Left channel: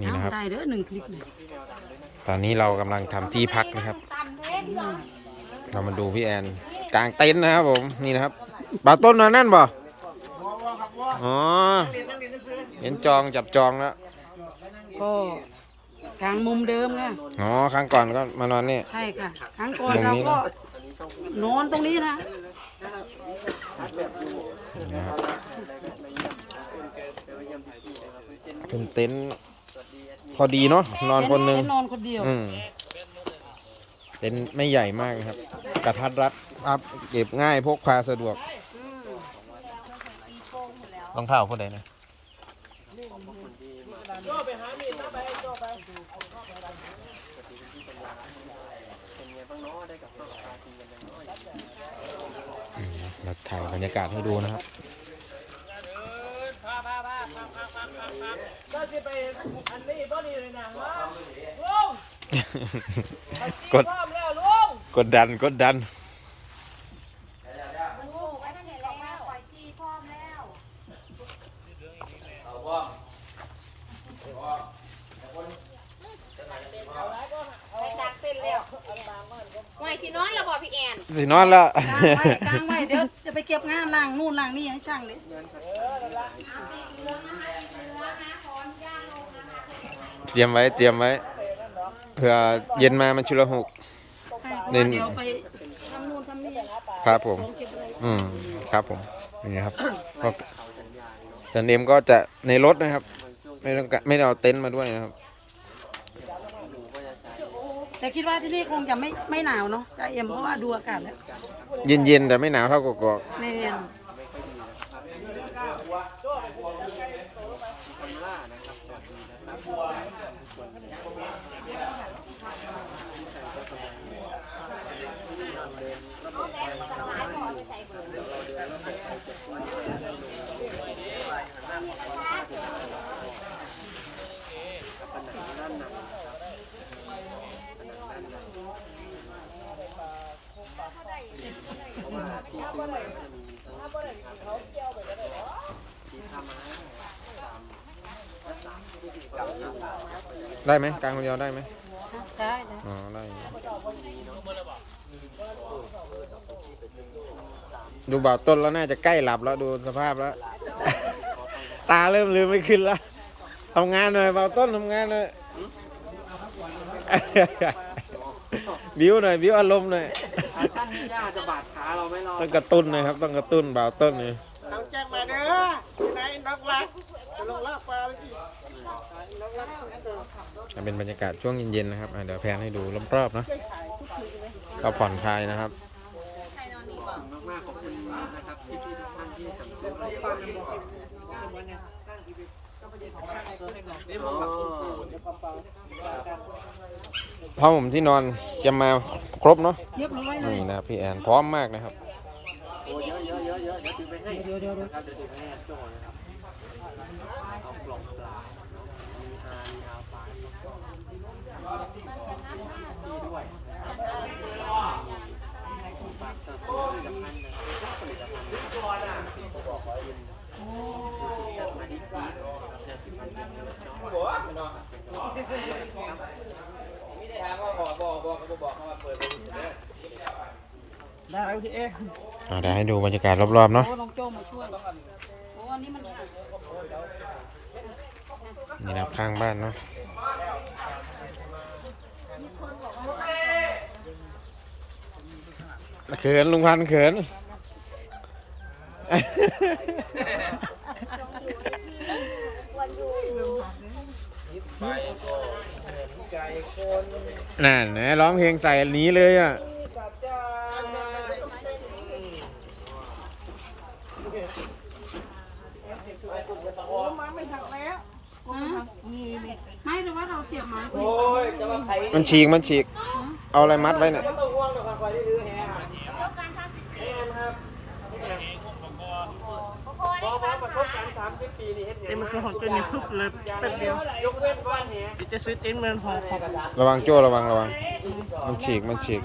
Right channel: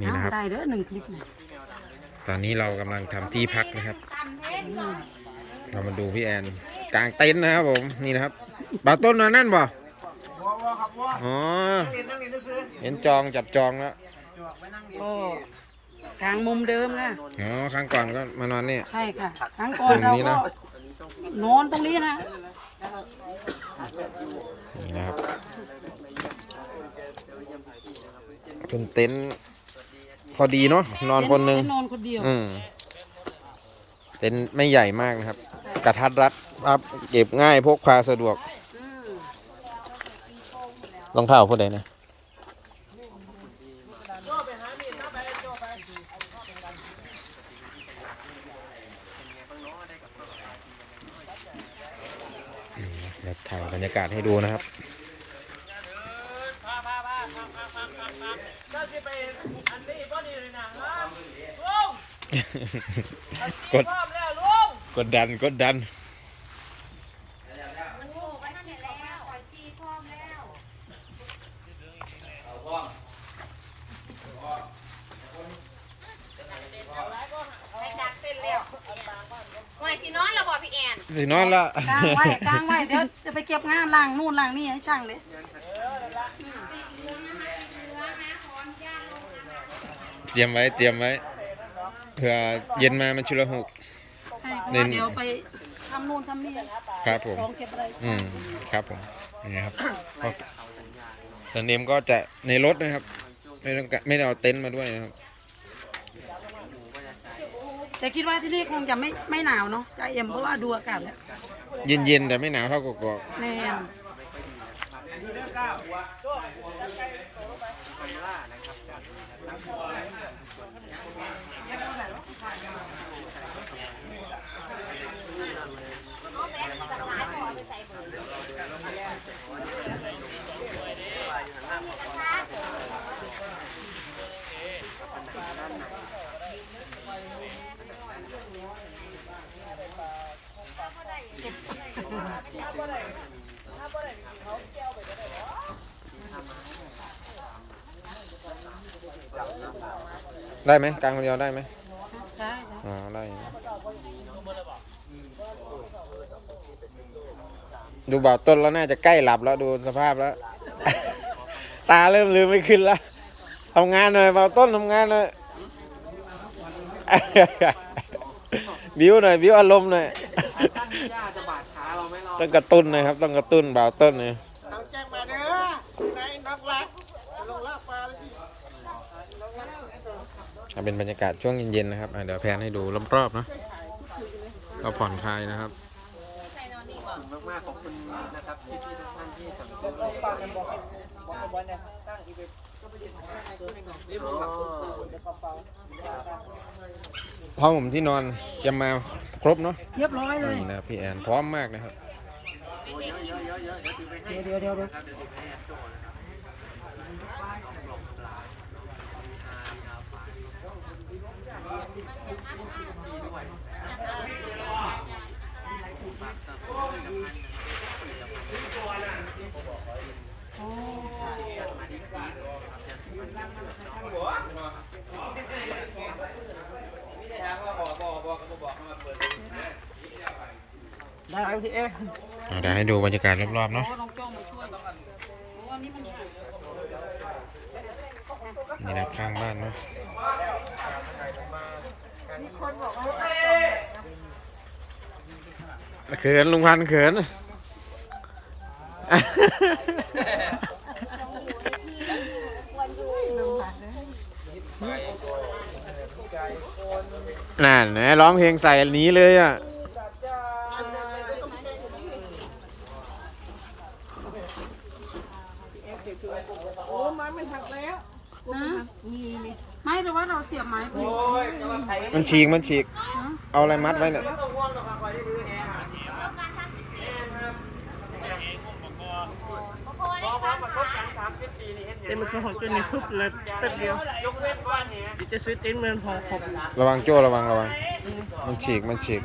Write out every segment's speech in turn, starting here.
นี่นะครับ ได้เด้อหนึ่งคลิปนะตอนนี้เรากำลังทำที่พักนะครับ เรามาดูพี่แอนกลางเต็นท์นะครับผมนี่นะครับบ่าวต้นนอนนั่นบ่อ๋อเห็นจองจับจองแล้วก็กลางมุมเดิมนะอ๋อครั้งก่อนก็มานอนนี่ ใช่ค่ะ ครั้งก่อนมุมเรานี้นะก็นอนตรงนี้นะนี่นะครับเป็นเต็นท์ พอดีเนาะนอนคนหนึ่งนอนคนเดียวอืมเต็นท์ไม่ใหญ่มากนะครับ กระทัดรัดครับเก็บง่ายพกพาสะดวกอืมรองเท้าผู้ใดเนี่ยอืมเราถ่ายบรรยากาศให้ดูนะครับ กด กดดันกดดันหวยสินอนแล้วบ่พี่แอน สินอนแล้ว กลางไว้กลางไว้เดี๋ยวจะไปเก็บงานล่างนู่นล่างนี่ให้ช่างเลยเตรียมไว้เตรียมไว้ เผื่อเย็นมามันชุลหกให้เพราะเน้ว่านเดี๋ยวไปทำนู่นทำนี่ครับผม ของเก็บอะไรอืมครับผมนี่ครับก็แต่เนมก็จะในรถนะครับ ไม่ต้องกะไม่ได้เอาเต็นท์มาด้วยนะครับแต่คิดว่าที่นี่คงจะไม่ไม่หนาวเนาะใจเอ็มเพราะว่าดูอากาศแล้วเย็นๆแต่ไม่หนาวเท่ากกอกแม่น ได้ไหมกลางคนเดียวได้ไหมได้ได้อ๋อได้อยู่ดูบ่าวต้นแล้วน่าจะใกล้หลับแล้วดูสภาพแล้ว ตาเริ่มลืมไม่ขึ้นแล้วทำงานหน่อยบ่าวต้นทำงานหน่อยบิวหน่อยบิวอารมณ์หน่อยต้องกระตุ้นนะครับ ต้องกระตุ้นบ่าวต้นเนี่ยอะ เป็นบรรยากาศช่วงเย็นๆนะครับอะเดี๋ยวแพนให้ดูรอบๆเนาะก็ผ่อนคลายนะครับผ้าห่มที่นอนจะมาครบเนาะเรียบร้อยเลยนี่นะครับพี่แอนพร้อมมากนะครับเดี๋ยวเดี๋ยวเดี๋ยว เดี๋ยวได้พี่เออ่าเดี๋ยวให้ดูบรรยากาศรอบๆเนาะนี่นับข้างบ้านเนาะเขินลุงพันเขินนั่นนะร้องเพลงใส่นนี้เลยอะ โอ้ไม้มันหักแล้วกลัวมันหักนี่นี่ไม่หรือว่าเราเสียบไม้ผิดมันฉีกมันฉีก เอาอะไรมัดไว้เนี่ยเอ็มมันคือหอนตัวนี้พึบเลยแป๊บเดียวเดี๋ยวจะซื้อเต็นท์เมือนหอขอบระวังโจ้ระวังระวัง มันฉีกมันฉีก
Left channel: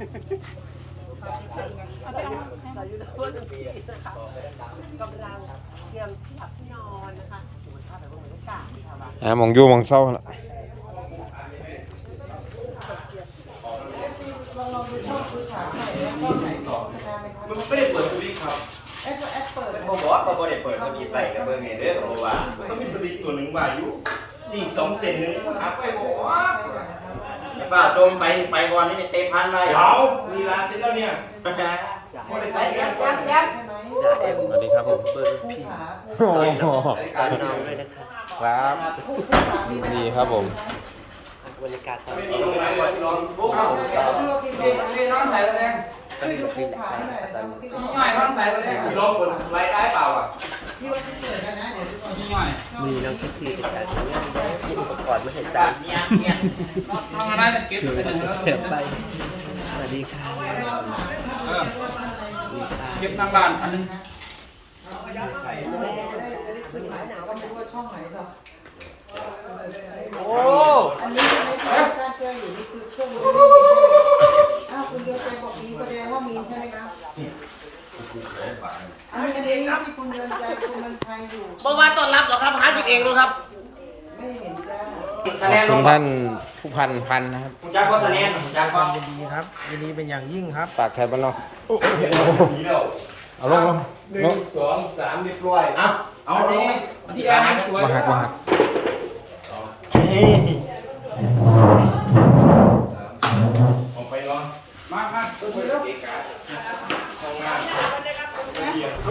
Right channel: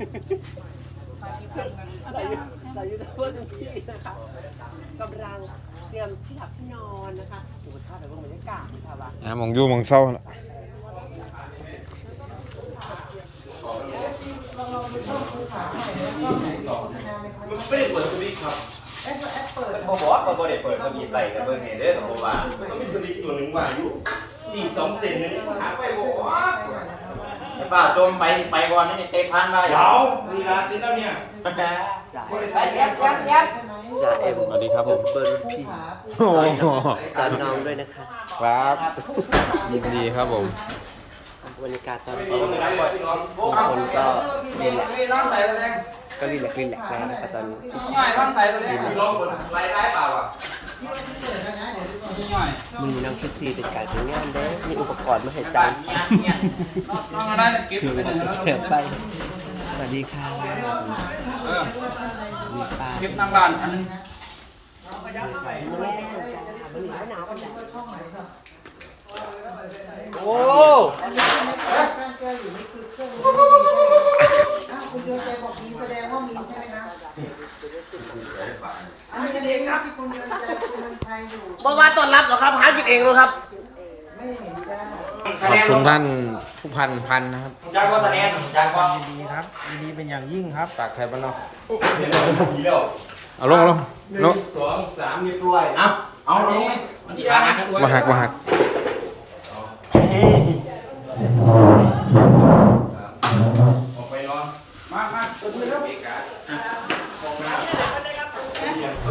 นะเอาไปเอามาเอามาอ่ามองอยู่มองเศร้าละมันไม่ได้เปิดสวิตช์ครับบอกว่าเขาไม่ได้เปิดสวิตช์ไปเบอร์ไงเด้อบอกว่ามันต้องมีสวิตช์ตัวหนึ่งมาอยู่ที่สองเซนหนึ่งครับไปบอกว่า ป้าโจมไปไปก่อนนี่เตะพันไปเดี๋ยวลีลาเสร็จแล้วเนี่ยไม่ได้ใส่กันก่อนสวัสดีครับผมเบอร์รุ่นพี่โอ้โหสาวน้อยด้วยนะคะครับยินดีครับผมบรรยากาศตอนนี้คนก็น้องใส่แรงก็รีแลกซ์รีแลกซ์กันนะคะตอนนี้ง่ายน้องใส่แรงลองกดไลน์ได้เปล่าอะง่าย มือน้องแคสซี่เป็นการทำงานได้มีอุปกรณ์มาให้ใส่เนี่ยเนี่ยน้องอะไรเก็บถือเป็นหนึ่งว่าแล้วเสือไปสวัสดีค่ะเออเก็บนางลานอันนึงโอ้ องเหรอครับขอบคุณท่านผู้พันพันนะครับจ้างก็แสดงจ้างก็ครับยินดีเป็นอย่างยิ่งครับปากแคบบ้านนอกดีแล้วเอาลงลงหนึ่ลงงสองสามเรียบร้อยเอาเอาเลยมันที่ขาหักมาหักมาหักออกไปเนาะมามา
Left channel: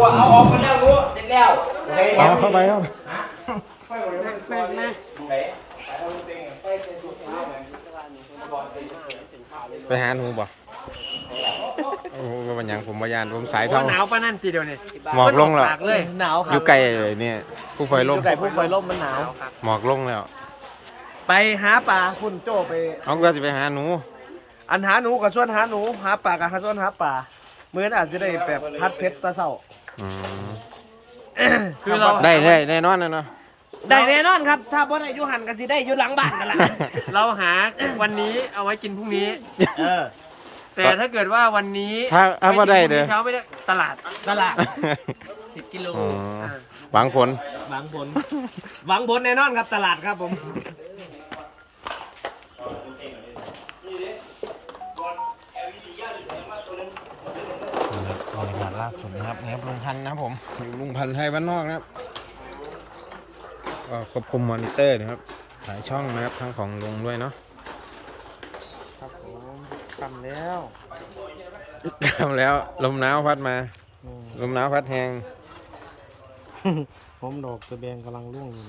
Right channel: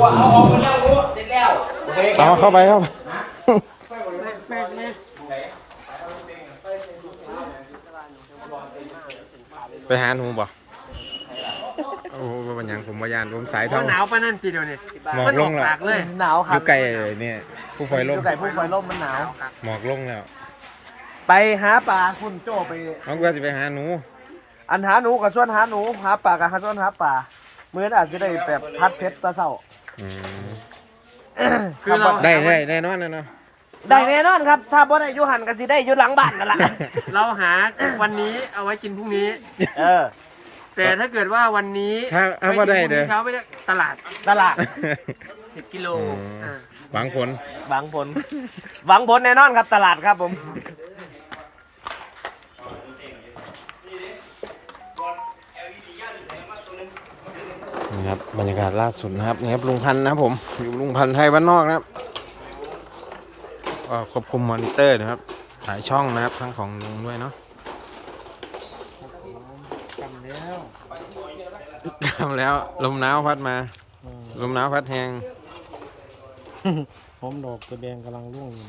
ว่าเอาออกไปแล้วรู้เสร็จแล้วเอาเข้าไปเข้าไป ไปหาหนูบ่โอ้โหเป็นหยังผมมายานผมสายเท่า หนาวปะนั่นทีเดียวเนี่ยหมอกลงแล้ว ปากเลยหนาวอครับยู่ไกลเนี่ยผู้ไฟลมอยู่ไก่ผู้ไฟล่มมันหนาว หมอกลงแล้วไปหาปลาคุณโจไป เอาก็จะไปหาหนู อันหาหนูกับชวนหาหนูหาปลากับหาชวนหาปลามื้อนี้อาจจะได้แบบพัดเพชรตะเศร้าอืมคือเรา ได้ได้แน่นอนแน่นอน ได้แน่นอนครับ ถ้าบ่ได้อยู่หันก็สิได้อยู่หลังบ้านกันล่ะเราหาวันนี้เอาไว้กินพรุ่งนี้ เออ แต่ถ้าเกิดว่าวันนี้ถ้าถ้าว่าได้เด้อเช้าไม่ได้ตลาดตลาด 10กิโลอ๋อเออหวังผล หวังผล หวังผลแน่นอนครับตลาดครับผมนี่ครับบรรยากาศล่าสุดนะครับนี่ครับลุงพันธุ์นะครับผมอยู่ลุงพันธุ์ไทยบ้านนอกนะครับ ก็ควบคุมมอนิเตอร์นะครับ หลายช่องนะครับ ทั้งของลุงด้วยเนาะครับผมทำแล้วทำแล้ว ลมหนาวพัดมา อืมลมหนาวพัดแหงผมดอกสะแบงกำลังร่วงอยู่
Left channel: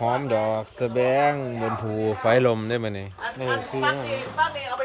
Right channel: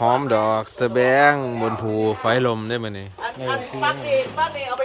หอมดอกสะแบงบนภูไฟลมได้ไหมนี่นี่คืออย่างนั้นบ้านเองเอาไป